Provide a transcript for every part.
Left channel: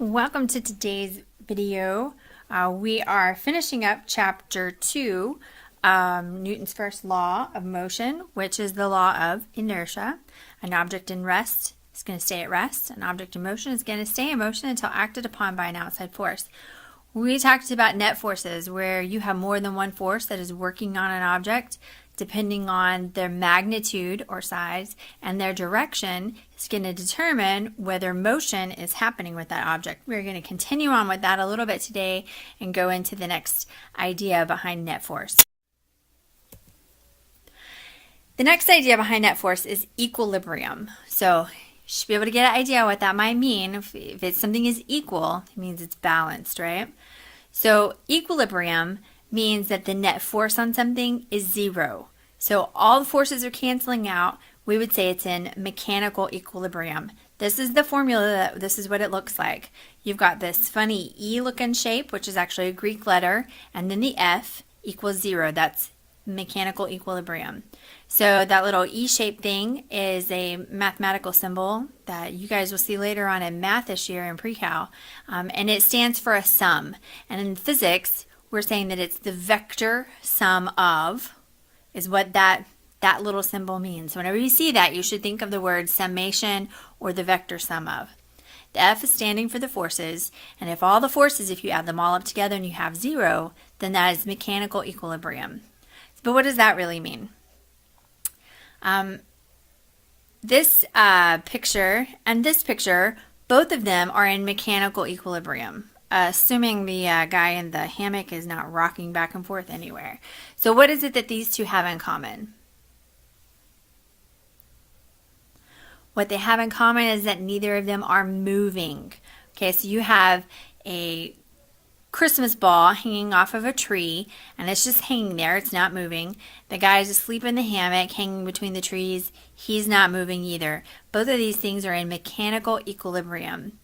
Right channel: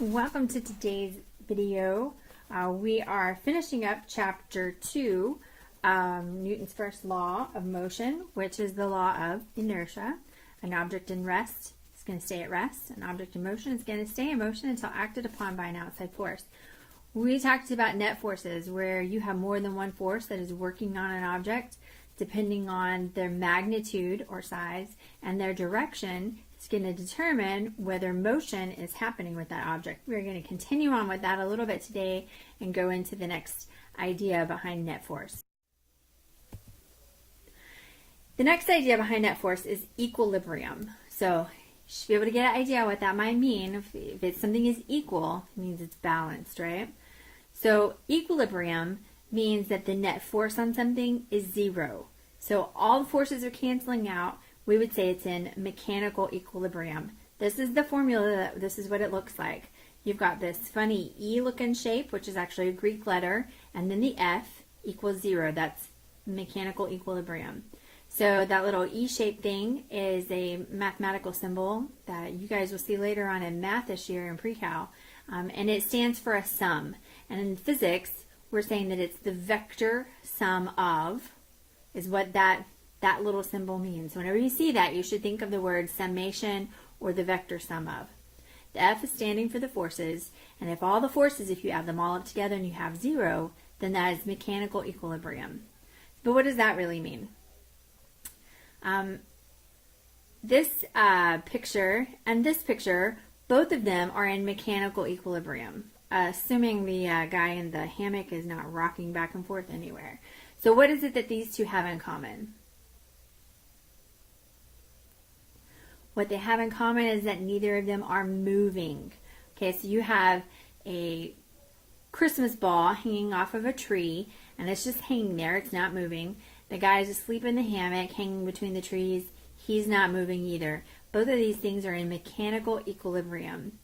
Welcome to today's video. We are finishing up chapter 2, Newton's first law of motion, which is the law of inertia. An object in rest is going to stay at rest. An object in motion is going to stay in motion until acted upon by an outside force. We talked about net forces, where you have more than one force that is working on an object. Depending on their magnitude or size and their direction, is going to determine whether motion is happening with that object. We're going to continue on with that a little bit today and go into the next idea behind net force. The next idea behind net force is equilibrium. So you should be able to get an idea what that might mean. If it's something is equal, it means it's balanced, right? So equilibrium means that the net force on something is zero. So all the forces are canceling out. We would say it's in mechanical equilibrium. This is the formula, this is what it looks like. You've got this funny E looking shape, which is actually a Greek letter, and then the F equals zero. That's mechanical equilibrium. So that little E-shaped thing is a mathematical symbol that you guys will see later on in math this year in pre-cal, and it stands for a sum. And in physics, we're saying that it's the vector sum of is what that little symbol means. So whenever you see that, you should think of the word summation or the vector sum of. The F is standing for the forces, and if all the forces, if you add them all up together and you have zero, then that is mechanical equilibrium. But what does that really mean? This picture and this picture, both of them are in mechanical equilibrium. Assuming the guy in the hammock is not rocking back and forth anywhere. So what is it that these two have in common? What they have in common is that neither of them are moving. Okay, so you have a Christmas ball hanging off of a tree, and it's just hanging there. It's not moving. The guy is asleep in the hammock hanging between the trees. He's not moving either. Both of these things are in mechanical equilibrium.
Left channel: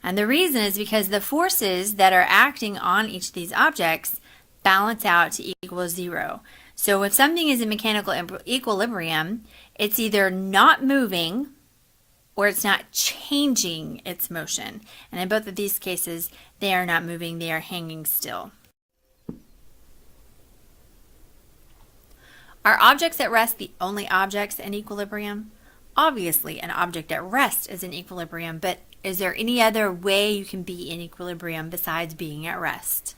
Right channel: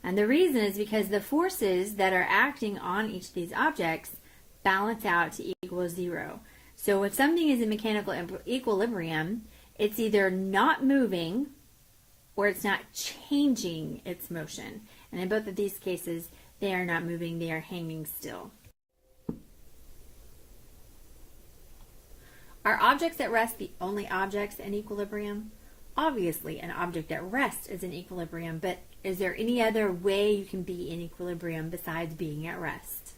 And the reason is because the forces that are acting on each of these objects balance out to equal zero. So if something is in mechanical equilibrium, it's either not moving or it's not changing its motion. And in both of these cases, they are not moving, they are hanging still. Are objects at rest the only objects in equilibrium? Obviously, an object at rest is in equilibrium, but is there any other way you can be in equilibrium besides being at rest?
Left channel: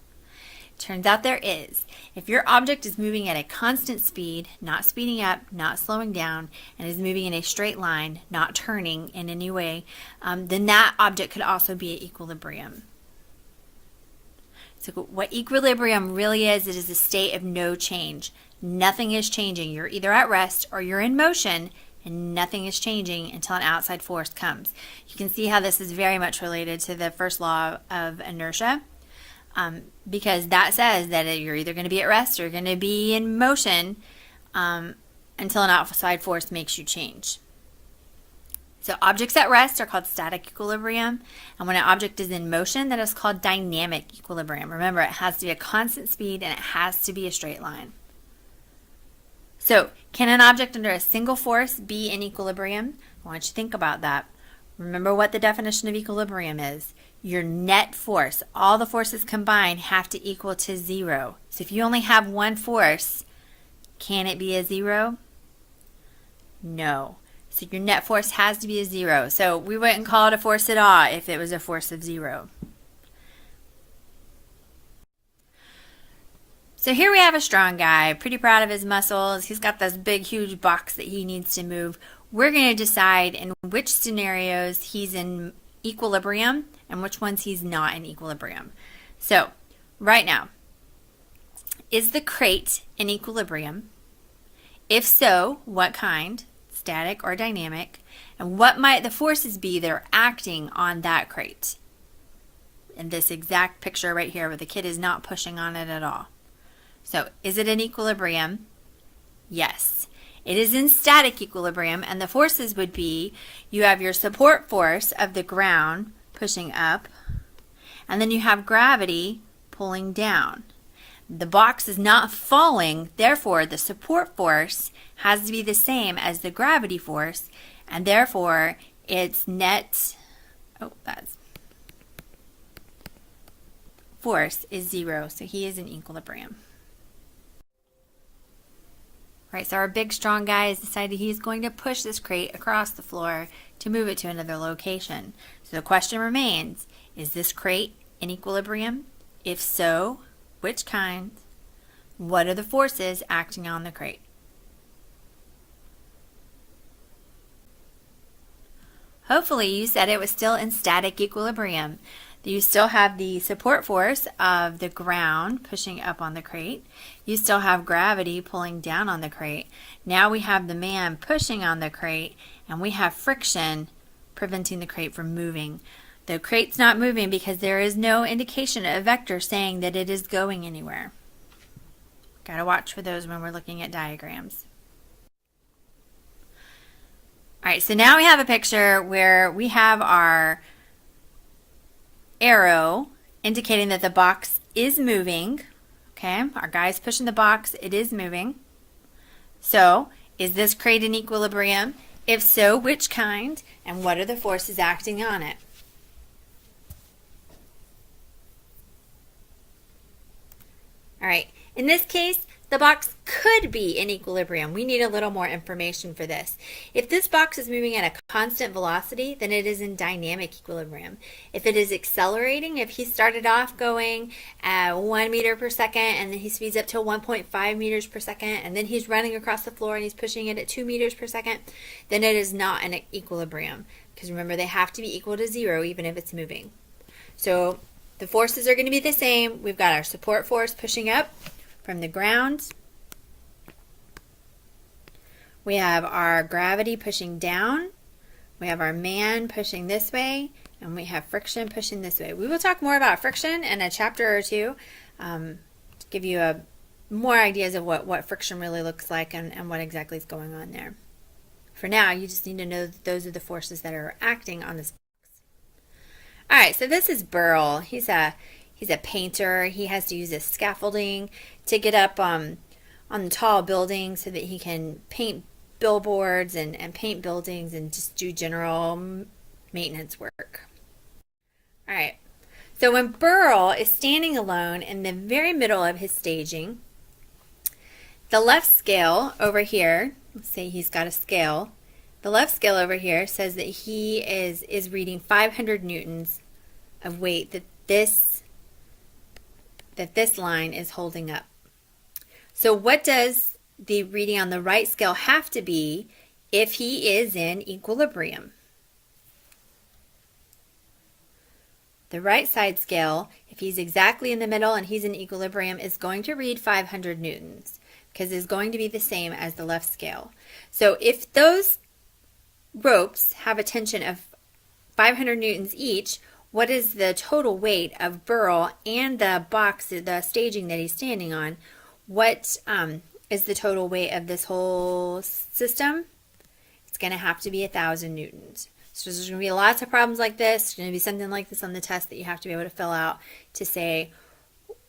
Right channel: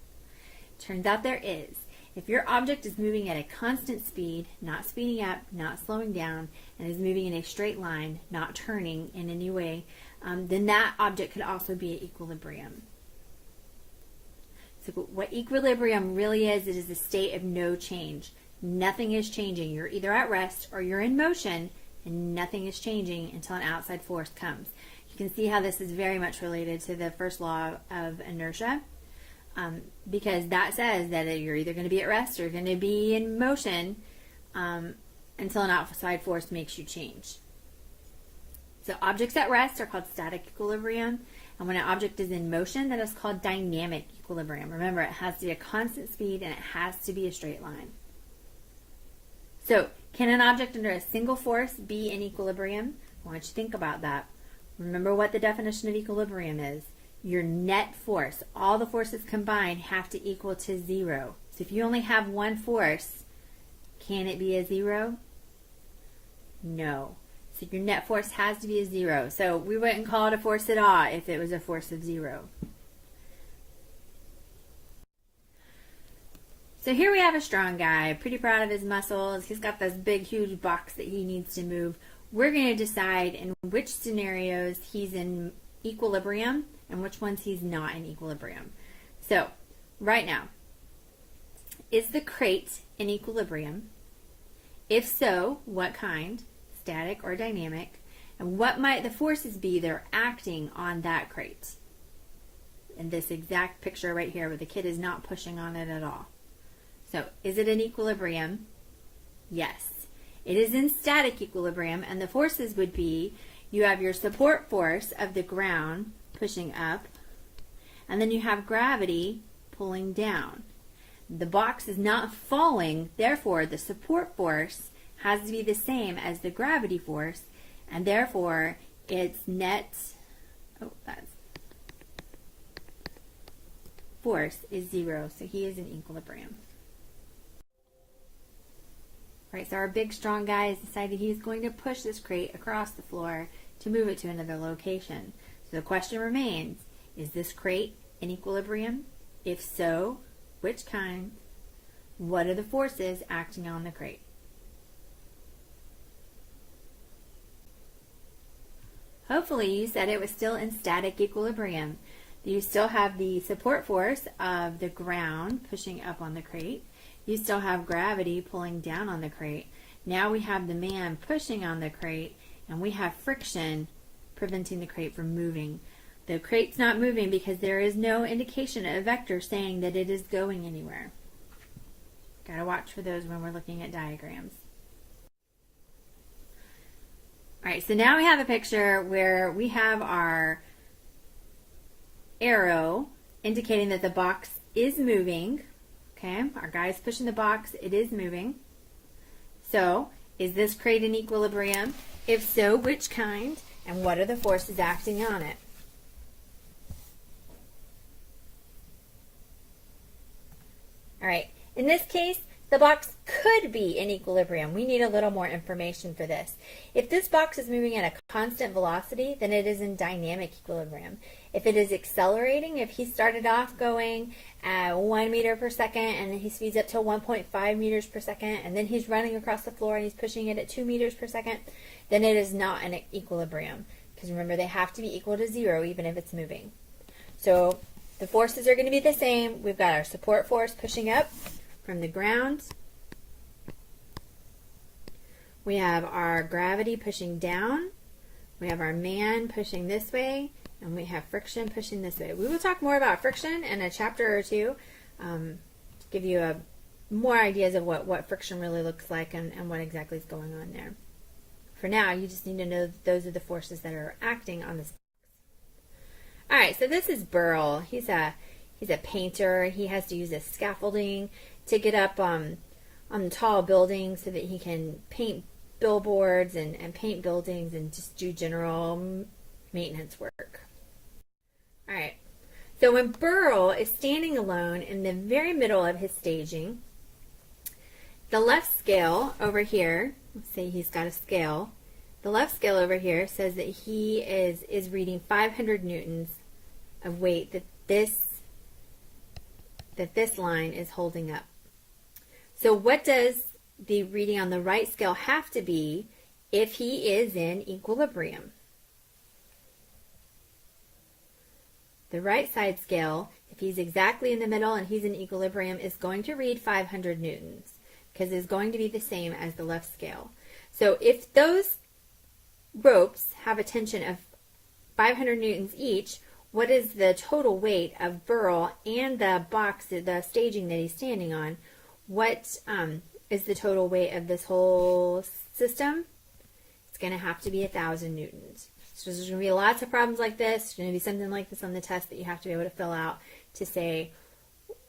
Turns out there is. If your object is moving at a constant speed, not speeding up, not slowing down, and is moving in a straight line, not turning in any way, then that object could also be at equilibrium. So what equilibrium really is, it is a state of no change. Nothing is changing. You're either at rest or you're in motion, and nothing is changing until an outside force comes. You can see how this is very much related to the first law of inertia, because that says that you're either going to be at rest or you're going to be in motion until an outside force makes you change. So objects at rest are called static equilibrium, and when an object is in motion, that is called dynamic equilibrium. Remember, it has to be a constant speed and it has to be a straight line. So, can an object under a single force be in equilibrium? I want you to think about that. Remember what the definition of equilibrium is. Your net force, all the forces combined, have to equal to zero. So if you only have one force, can it be a zero? No. So your net force has to be a zero. So we wouldn't call it a force at all if it was a force of zero. So here we have a strong guy, pretty proud of his muscles. He's got this big, huge box that he needs to move. We're going to decide in which scenarios he's in equilibrium and which ones he's not in equilibrium. So right now, is the crate in equilibrium? If so, what kind? Static or dynamic? And what might the forces be that are acting on that crate? In this exact picture right here where the kid is not pushing on it at all. So, is it in equilibrium? Yes. It is in static equilibrium, and the forces would be, you have your support force of the ground pushing up, and then you have gravity pulling down. The box is not falling, therefore the support force has to be the same as the gravity force, and therefore its net, force is 0, so he is in equilibrium. Right, so our big strong guy has decided he's going to push this crate across the floor to move it to another location. So the question remains, is this crate in equilibrium? If so, which kind? What are the forces acting on the crate? Hopefully you said it was still in static equilibrium. You still have the support force of the ground pushing up on the crate. You still have gravity pulling down on the crate. Now we have the man pushing on the crate, and we have friction preventing the crate from moving. The crate's not moving because there is no indication, a vector saying that it is going anywhere. Gotta watch for those when we're looking at diagrams. All right, so now we have a picture where we have our arrow indicating that the box is moving. Okay, our guy's pushing the box, it is moving. So, is this crate in equilibrium? If so, which kind? And what are the forces acting on it? All right, in this case, the box could be in equilibrium. We need a little more information for this. If this box is moving at a constant velocity, then it is in dynamic equilibrium. If it is accelerating, if he started off going at 1 meter per second and then he speeds up to 1.5 meters per second and then he's running across the floor and he's pushing it at 2 meters per second, then it is not in equilibrium. Because remember, they have to be equal to 0 even if it's moving. So the forces are going to be the same. We've got our support force pushing up from the ground. We have our gravity pushing down. We have our man pushing this way, and we have friction pushing this way. We will talk more about friction in a chapter or two to give you more ideas of what friction really looks like and what exactly is going on there. For now, you just need to know that those are the forces that are acting on this box. All right, so this is Burl. He's a painter. He has to use this scaffolding to get up on the tall buildings so that he can paint billboards and paint buildings and just do general maintenance work. All right, so when Burl is standing alone in the very middle of his staging, the left scale over here, let's say he's got a scale, the left scale over here says that he is reading 500 newtons of weight that this line is holding up. So what does the reading on the right scale have to be if he is in equilibrium? The right side scale, if he's exactly in the middle and he's in equilibrium, is going to read 500 newtons because it's going to be the same as the left scale. So if those ropes have a tension of 500 newtons each, what is the total weight of Burl and the box, the staging that he's standing on? What is the total weight of this whole system? It's going to have to be 1,000 newtons. So there's going to be lots of problems like this. There's going to be something like this on the test that you have to be able to fill out to say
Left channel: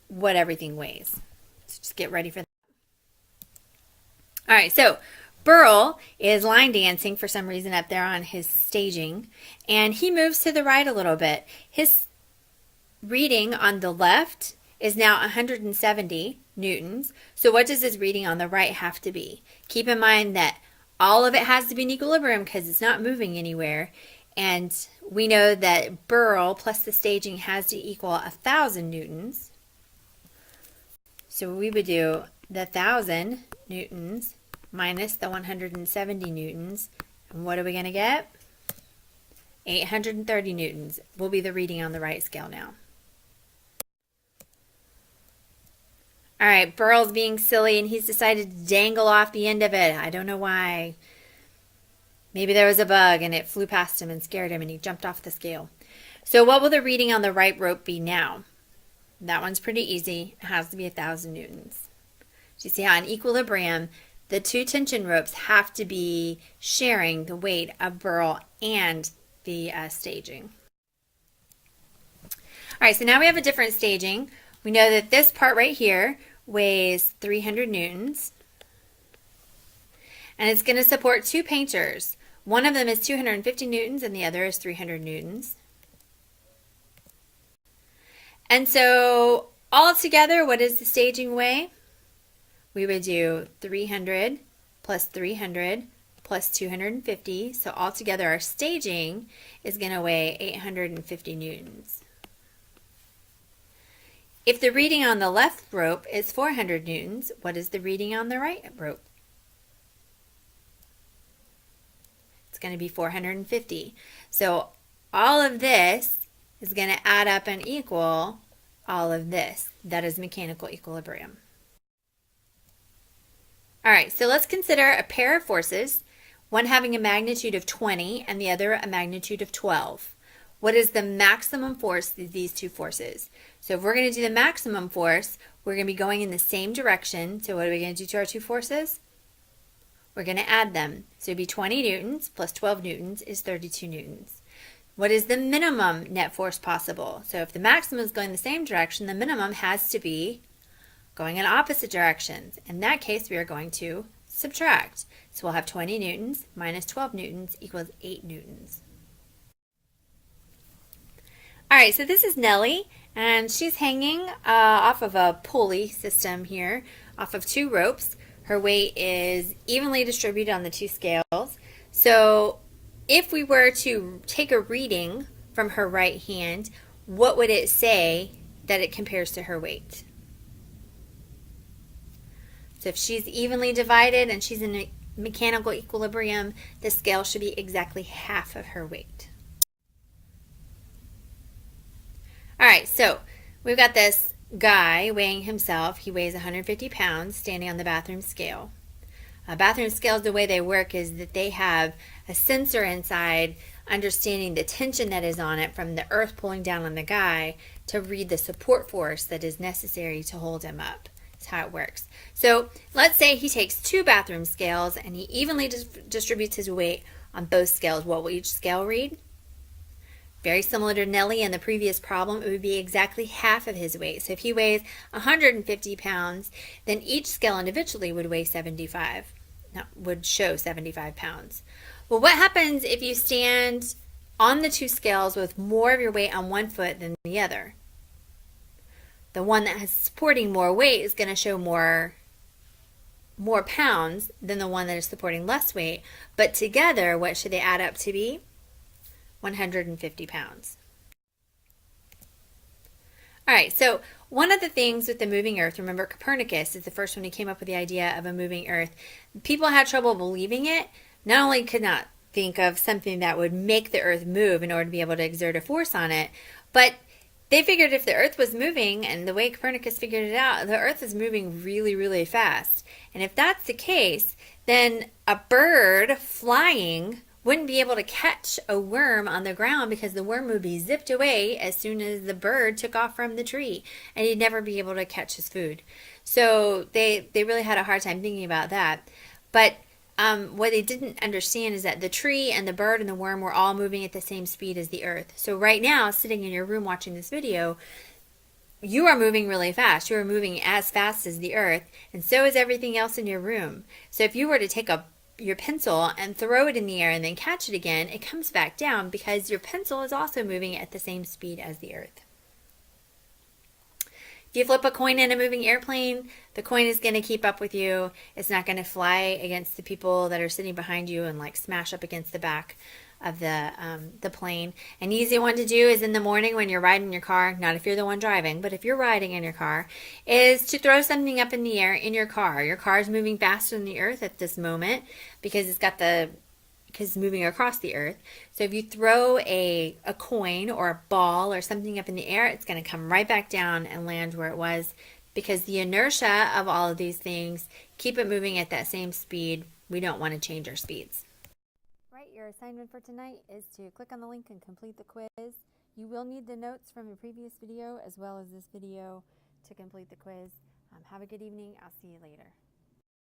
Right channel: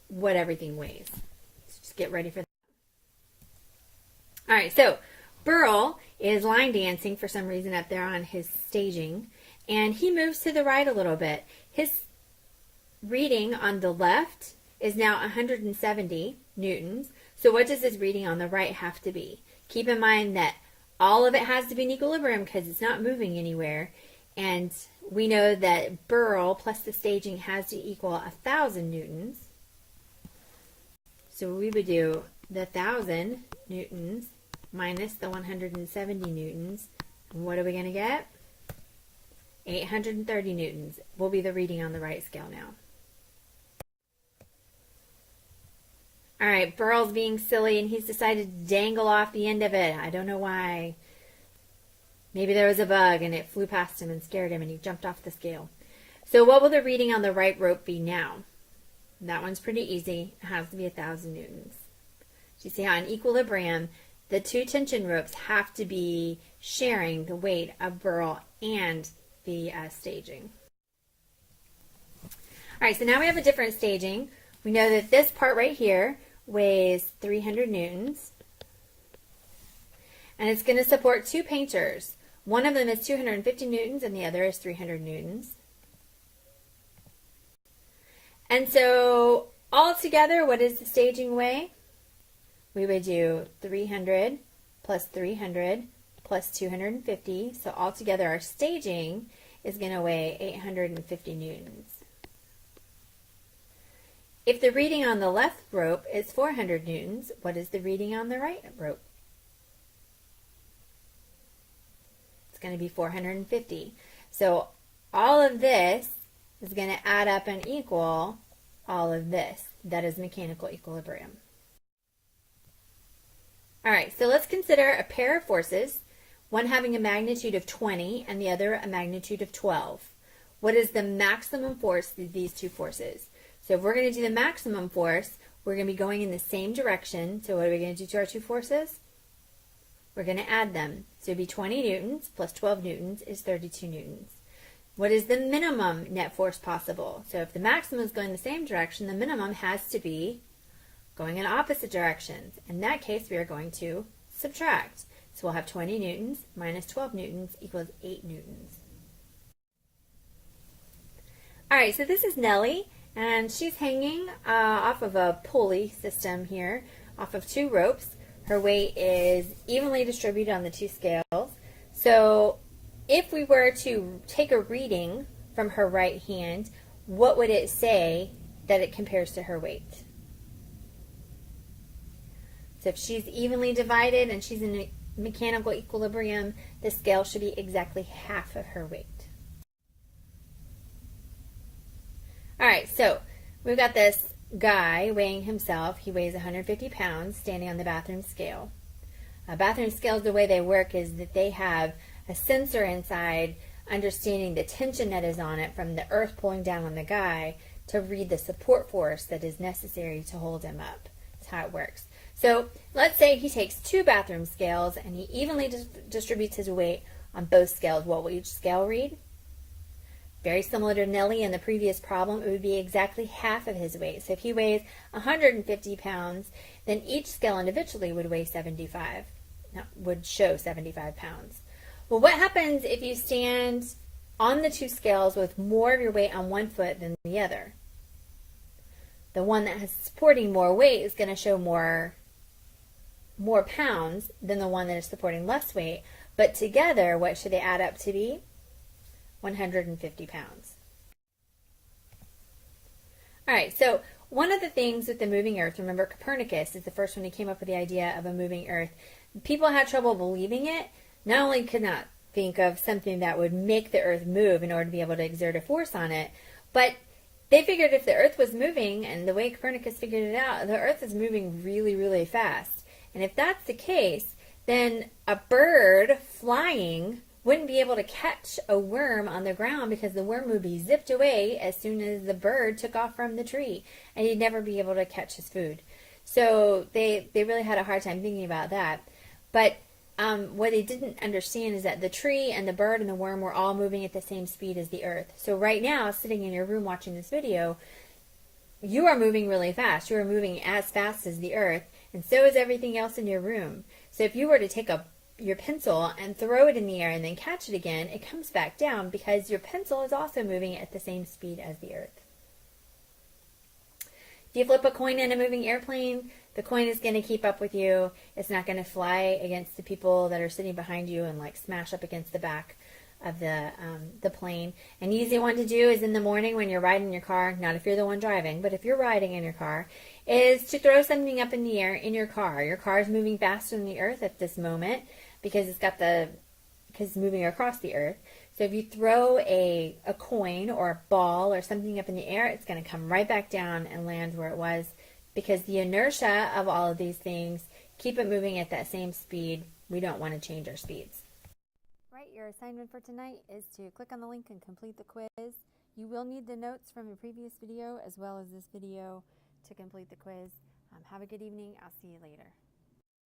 what everything weighs. So just get ready for that. All right, so Burl is line dancing for some reason up there on his staging, and he moves to the right a little bit. His reading on the left is now 170 newtons. So what does his reading on the right have to be? Keep in mind that all of it has to be in equilibrium because it's not moving anywhere. And we know that Burl plus the staging has to equal 1,000 newtons. So we would do the 1,000 newtons minus the 170 newtons. And what are we going to get? 830 newtons will be the reading on the right scale now. All right, Burl's being silly and he's decided to dangle off the end of it. I don't know why. Maybe there was a bug and it flew past him and scared him and he jumped off the scale. So what will the reading on the right rope be now? That one's pretty easy. It has to be 1,000 newtons. So you see how in equilibrium, the two tension ropes have to be sharing the weight of Burl and the staging. All right, so now we have a different staging. We know that this part right here weighs 300 newtons. And it's going to support two painters. One of them is 250 newtons and the other is 300 newtons. And so all together, what is the staging weigh? We would do 300 plus 300 plus 250. So altogether our staging is going to weigh 850 newtons. If the reading on the left rope is 400 newtons, what is the reading on the right rope? It's going to be 450. So all of this is going to add up and equal all of this. That is mechanical equilibrium. All right, so let's consider a pair of forces, one having a magnitude of 20 and the other a magnitude of 12. What is the maximum force of these two forces? So if we're going to do the maximum force, we're going to be going in the same direction. So what are we going to do to our two forces? We're going to add them. So it'd be 20 newtons plus 12 newtons is 32 newtons. What is the minimum net force possible? So if the maximum is going the same direction, the minimum has to be going in opposite directions. In that case, we are going to subtract. So we'll have 20 newtons minus 12 newtons equals 8 newtons. All right, so this is Nellie, and she's hanging off of a pulley system here, off of two ropes. Her weight is evenly distributed on the two scales. So if we were to take a reading from her right hand, what would it say that it compares to her weight? So if she's evenly divided and she's in a mechanical equilibrium, the scale should be exactly half of her weight. All right, so we've got this guy weighing himself. He weighs 150 pounds standing on the bathroom scale. Bathroom scales, the way they work is that they have a sensor inside understanding the tension that is on it from the earth pulling down on the guy to read the support force that is necessary to hold him up. That's how it works. So let's say he takes two bathroom scales and he evenly distributes his weight on both scales. What will each scale read? Very similar to Nellie in the previous problem, it would be exactly half of his weight. So if he weighs 150 pounds, then each scale individually would weigh 75. No, would show 75 pounds. Well, what happens if you stand on the two scales with more of your weight on one foot than the other? The one that has supporting more weight is going to show more pounds than the one that is supporting less weight. But together, what should they add up to be? 150 pounds. All right, so one of the things with the moving earth, remember Copernicus is the first one who came up with the idea of a moving earth. People had trouble believing it. Not only could not think of something that would make the earth move in order to be able to exert a force on it, but they figured if the earth was moving, and the way Copernicus figured it out, the earth is moving really, really fast. And if that's the case, then a bird flying wouldn't be able to catch a worm on the ground because the worm would be zipped away as soon as the bird took off from the tree, and he'd never be able to catch his food. So they really had a hard time thinking about that. But what they didn't understand is that the tree and the bird and the worm were all moving at the same speed as the earth. So right now, sitting in your room watching this video, you are moving really fast. You are moving as fast as the earth, and so is everything else in your room. So if you were to take your pencil and throw it in the air and then catch it again, it comes back down because your pencil is also moving at the same speed as the earth. If you flip a coin in a moving airplane, the coin is going to keep up with you. It's not going to fly against the people that are sitting behind you and like smash up against the back of the plane. An easy one to do is in the morning when you're riding your car, not if you're the one driving, but if you're riding in your car, is to throw something up in the air in your car. Your car is moving faster than the earth at this moment because it's moving across the earth. So if you throw a coin or a ball or something up in the air, it's going to come right back down and land where it was because the inertia of all of these things keep it moving at that same speed. We don't want to change our speeds. Right, your assignment for tonight is to click on the link and complete the quiz. You will need the notes from the previous video as well as this video to complete the quiz. Have a good evening. I'll see you later.